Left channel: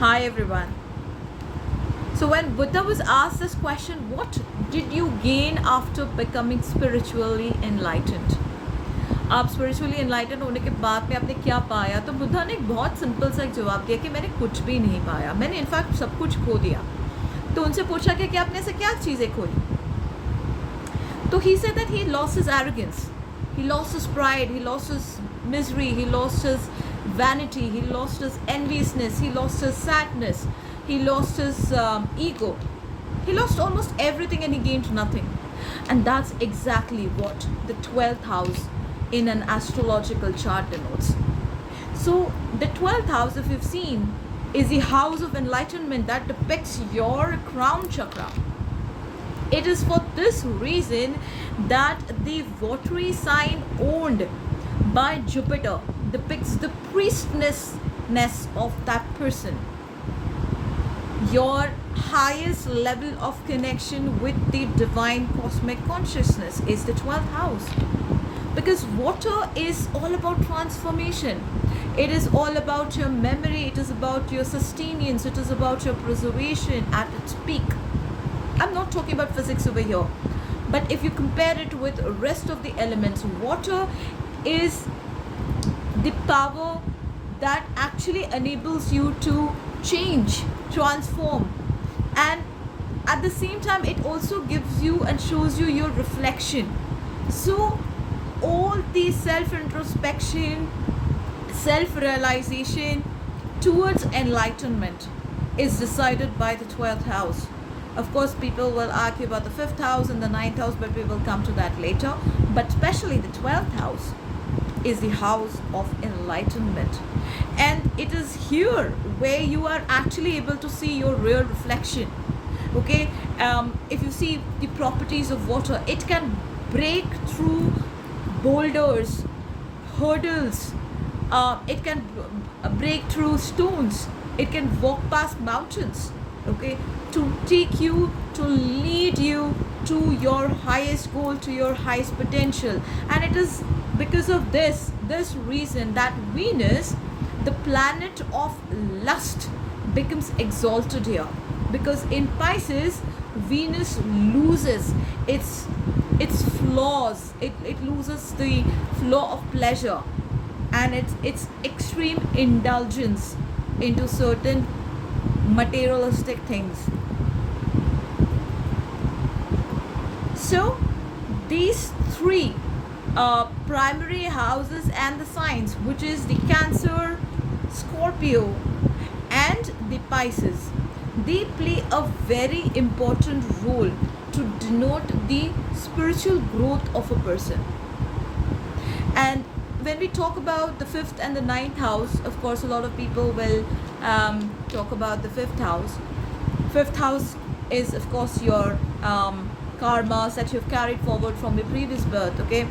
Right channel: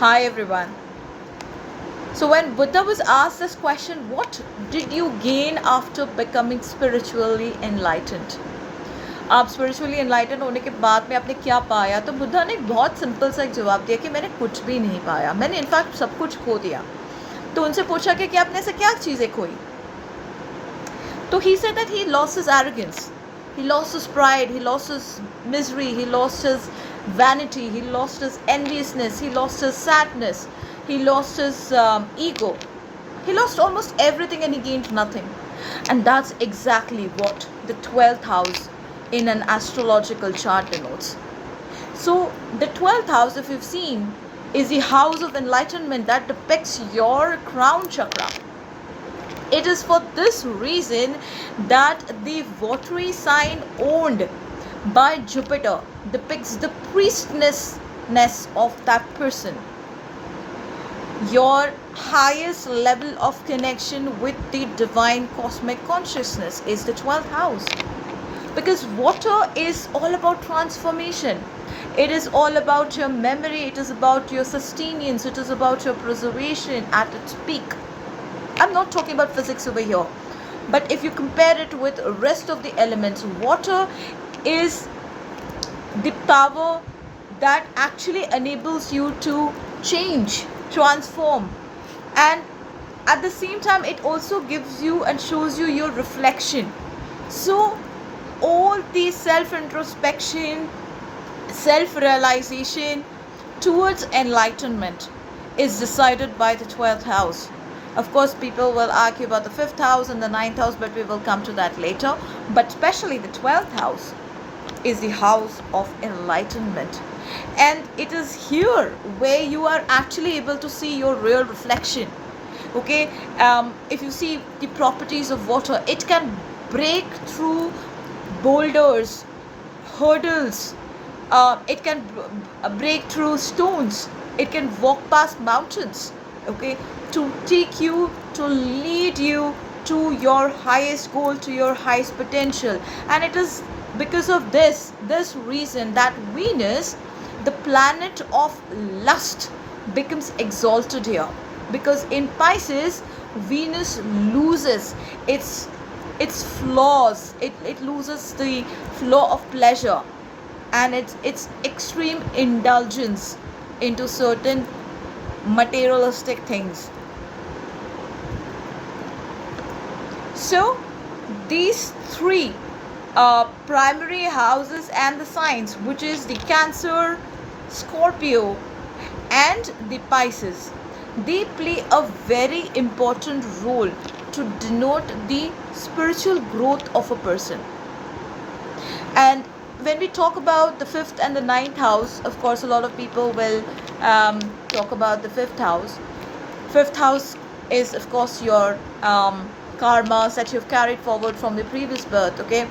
Hi everyone. So when Buddha was asked this question, what did you gain after becoming spiritually enlightened? आप spiritually enlightened होने के बाद में आपने क्या पाया? तो बुद्धा ने बहुत सिंपल सा एक जवाब दिया कि मैंने कुछ भी नहीं पाया, मैंने इनफैक्ट सब कुछ खो दिया. तो उनसे पूछा कि आपने ऐसे क्या चीज़ें खोई? तो he said that he lost his arrogance, he lost his pride, he lost his misery, he lost his vanity, he lost his enviousness, he lost his sadness, he lost his ego, he lost almost everything and he gained nothing. And that's exactly what the 12th house in an astrological chart denotes. So the 12th house, if you've seen, is the house of enlightenment that depicts your crown chakra. It is for this reason that the watery sign owned by Jupiter depicts the priestessness of that person. Your highest level of connection with the divine cosmic consciousness is the 12th house. Because water is all about transformation. It is all about your memory, it is about your sustenance, it is about your preservation at its peak. I'm not talking about physics over here, but if you compare it with the rest of the elements, water is the power that actually enables you to change, transform, and at the same time it also gives you and shows you your reflection. So all the self-introspection, self-realization towards enlightenment is decided by the 12th house. Of course, people will argue about the 5th house and the 9th house, but we will come to that later. But especially the 12th house is the house of enlightenment. And it is here where you are actually able to see your real reflection. Okay, if you see the properties of water, it can break through boulders, hurdles, it can break through stones, it can walk past mountains, okay, to take you, to lead you to your highest goal, to your highest potential. And it is because of this reason that Venus, the planet of lust, becomes exalted here. Because in Pisces, Venus loses its flaws, it loses the flow of pleasure and its extreme indulgence into certain materialistic things. So these three primary houses and the signs, which is the Cancer, Scorpio and the Pisces, they play a very important role to denote the spiritual growth of a person. And when we talk about the 5th and the 9th house, of course a lot of people will talk about the 5th house. 5th house is of course your karmas that you've carried forward from your previous birth, okay.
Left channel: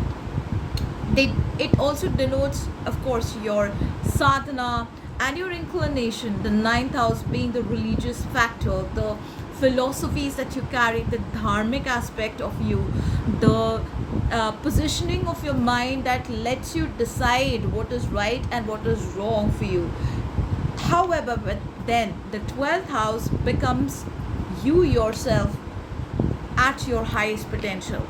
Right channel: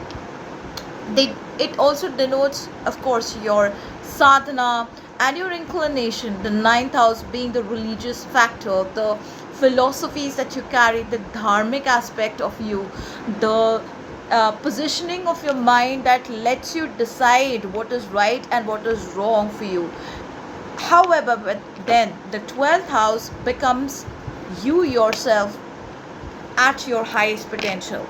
It also denotes of course your sadhana and your inclination, the 9th house being the religious factor, the philosophies that you carry, the dharmic aspect of you, the positioning of your mind that lets you decide what is right and what is wrong for you. However, but then the 12th house becomes you yourself at your highest potential.